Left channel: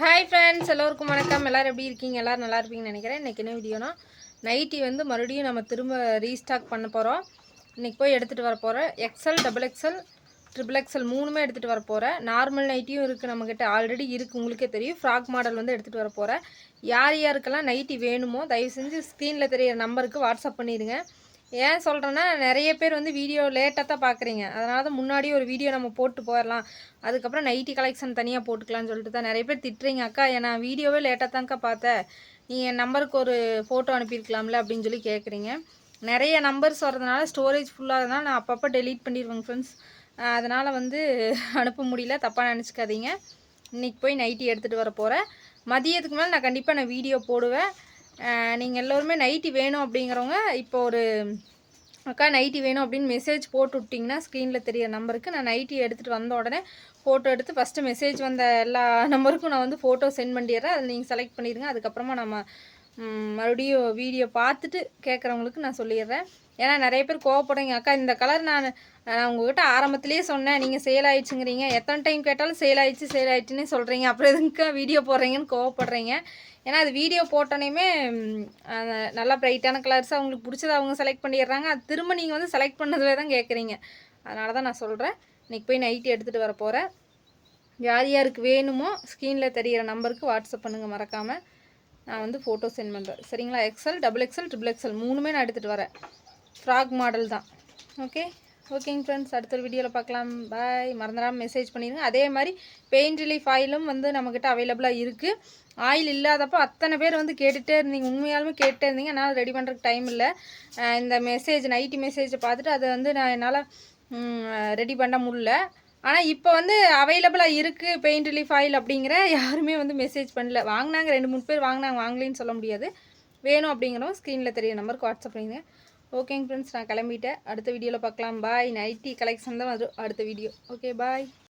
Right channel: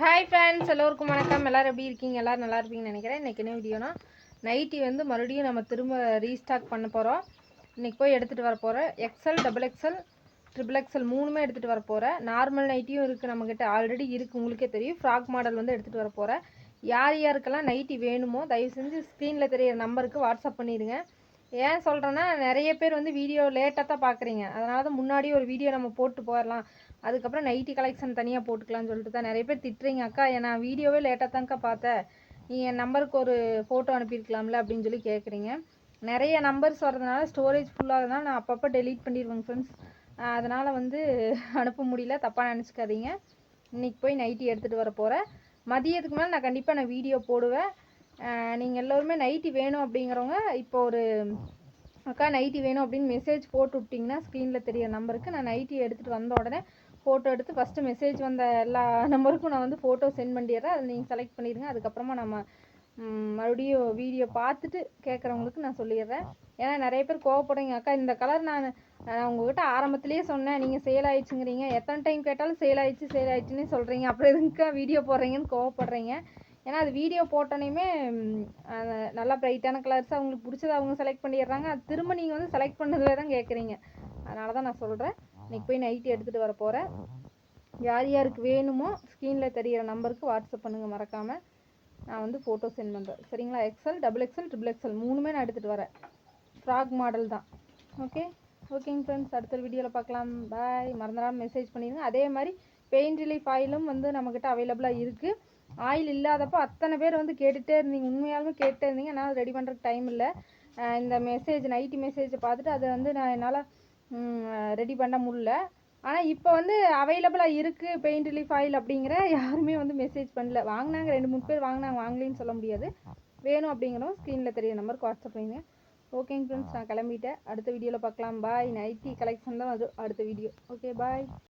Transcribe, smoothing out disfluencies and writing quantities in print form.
Hi friends, எல்லோருக்கும் வணக்கம். எல்லோரும் எப்படி இருக்கீங்க? எல்லோரும் நல்லா இருப்பீங்கன்னு நினைக்கிறேன். இன்றைக்கி என்ன வீடியோனா, நைட்டி வந்து மறுபடியும் நம்ம திரும்ப ரீஸ்டாக் பண்ண போகிறோம். இன்றைக்கி போய் எடுத்துகிட்டு வர போகிறேன். XL, double XL, triple XL மூணுமே எடுத்துகிட்டு வர போகிறேன். நார்மல் நைட்டியும் இருக்குது, நம்மக்கிட்ட ஆல்ரெடி இருக்குது, உங்களுக்கே தெரியும். ஃப்ராக் மாடல் வந்து எடுத்துகிட்டு வர போகிறேன். யார் யாருக்கெல்லாம் நைட்டி வேணுமோ தயவு செஞ்சு ஸ்க்ரீனில் தெரியிற நம்பருக்கு வாட்ஸ்அப் பண்ணிடுங்க. ஏன் சொல்கிறேன்னா, நிறைய பேர் வந்து வீடியோ லேட்டாக தான் பார்க்குறீங்க. அதனால தான் முன்னாடி ஒரு வீடியோ நம்ம போட்டு போயிடலாம், அதுக்கப்புறம் நைட்டி கலெக்ஷன் தனியாக போட்டுக்கலாம்னு சொல்லிட்டு தான் நிறைய பேர் திட்டுறீங்க. அக்கா நான் வீடியோவே லேட்டாக தான்க்கா பார்த்தேன், நீங்கள் என் நம்பருக்கு ஒரு ஃபோட்டோ அனுப்பியிருக்கலாம்ல அப்படின்னு சொல்லி கேட்குறீங்க. நிறைய நம்பர்ஸ் வரதுனால ஸ்டோரேஜ் ஃபுல்லாகிறதுனால நான் அப்பப்போ டெலீட் பண்ணிடுவேங்க ஃப்ரெண்ட்ஸ். அதனால் வந்து அனுப்ப முடியல, தப்பாக நினச்சிக்காதீங்க. இன்றைக்கி போய் நைட்டி எடுத்துகிட்டு வர போகிறேன். மதியத்துக்கு மேலே நான் கண்டிப்பாக வீடியோ போடுவேன். நீங்கள் எல்லோருமே நைட்டி வேணும் அப்படிங்கிறவங்க இப்போ ஒரு அக்கா நைட்டி வேணும் அப்படின்னு மெசேஜ் போட்டு விட்டிங்கன்னா ஸ்க்ரீனில் தெரிய நம்பருக்கு நான் நைட்டி எடுத்துகிட்டு வந்த உடனே ஃபோட்டோ எடுத்து ஃபஸ்ட்டு மெசேஜ் வந்த எல்லா நம்பருக்கும் நான் வந்து ஃபோட்டோ சென்ட் பண்ணிடுறேன். அதில் நீங்கள் செலக்ட் பண்ணிடுங்க. அதுக்கப்புறமா நம்ம மறுபடியும் வீடியோ பார்த்துட்டு கேட்குறவங்களுக்கு நான் சொல்லிடுறேன். ஏன்னா நிறைய பேர் கோவப்படுறீங்க, அக்கா இந்த கலர் நான் உங்கள்கிட்ட ஆரம்பத்துலேயே சொன்னேன், நீங்கள் சேல் ஆகிடுச்சுங்கிறீங்க, எத்தனை டைம் கேட்டாலும் சேல் ஆகிடுச்சுன்னே சொல்கிறீங்க, அப்புறம் எதுக்குக்கா வீடியோ போடுறீங்கன்னு கோவப்படுறீங்க. ஏன்னா அது வீடியோ போட்டோன்னே நல்லா ப்ரைட்டான கலர்ஸாக அவங்களுக்கு பிடிச்சதை அவங்க செலக்ட் பண்ணிடுறாங்க. அது திரும்ப நீங்கள் வந்து செலக்ட் பண்ணதில் தான் கேட்குறீங்க. அதனால தான் நான் சொல்கிறேன். இன்றைக்கி போய் நைட்டி எடுத்துகிட்டு வர போகிறேன். யார் யாருக்கு வேணுமோ ஸ்க்ரீனில் தெரிகிற நம்பருக்கு வாட்ஸ்அப் பண்ணுங்கள் மறக்காமல். நான் வந்து ஃபோட்டோ சென்ட் பண்ணுறேன், சரிங்களா? XL, double XL, triple XL மூணுமே நான் எடுத்துகிட்டு வரேன். ஃப்ராக் மாடல் தான். ஓகேங்க ஃப்ரெண்ட்ஸ், அடுத்த வீடியோவில் பார்க்கலாம். பாய். மறந்துடாமல் மெசேஜ் பண்ணிடுங்க. அதே மாதிரி பெயின் ரிலீஃப் ஆயிலும் வந்து நம்மக்கிட்ட அவைலபிளாக இருக்குது. ஆயில் இல்லாதப்போ அத்தனை பேர் வந்து கேட்டுகிட்டே இருந்தீங்க, உண்மையாலுமே கேட்டுகிட்டே இருந்தீங்க. என்னால் ரெடி பண்ணுறதுக்கு டைம் இல்லை. இந்த நைட்டி மெசேஜை பார்த்துட்டு அதை வந்து நான் என்னால் ரெடி பண்ண முடியல. ஆனால் இப்போ வந்து அவைலபிளாக இருக்குது பெயின் ரிலீஃப் ஆயில் அப்படிங்கிற யாருமே வந்து மெசேஜ் பண்ணல. வாங்கினாங்க, 2-3 பேர் வாங்கினாங்க, வாங்கலின்னு சொல்ல முடியாது. வேணும் அப்படிங்கிறவங்க ஸ்க்ரீனில் தெரிய நம்பருக்கு வாட்ஸ்அப் பண்ணுங்க. ஓகேங்க ஃப்ரெண்ட்ஸ், நான் கிளம்பிட்டேன். அடுத்த வீடியோவில் பார்க்கலாம். பாய். நைட்டி கலெக்ஷன் தான் வரும் அடுத்த வீடியோ. ஓகே, பாய்.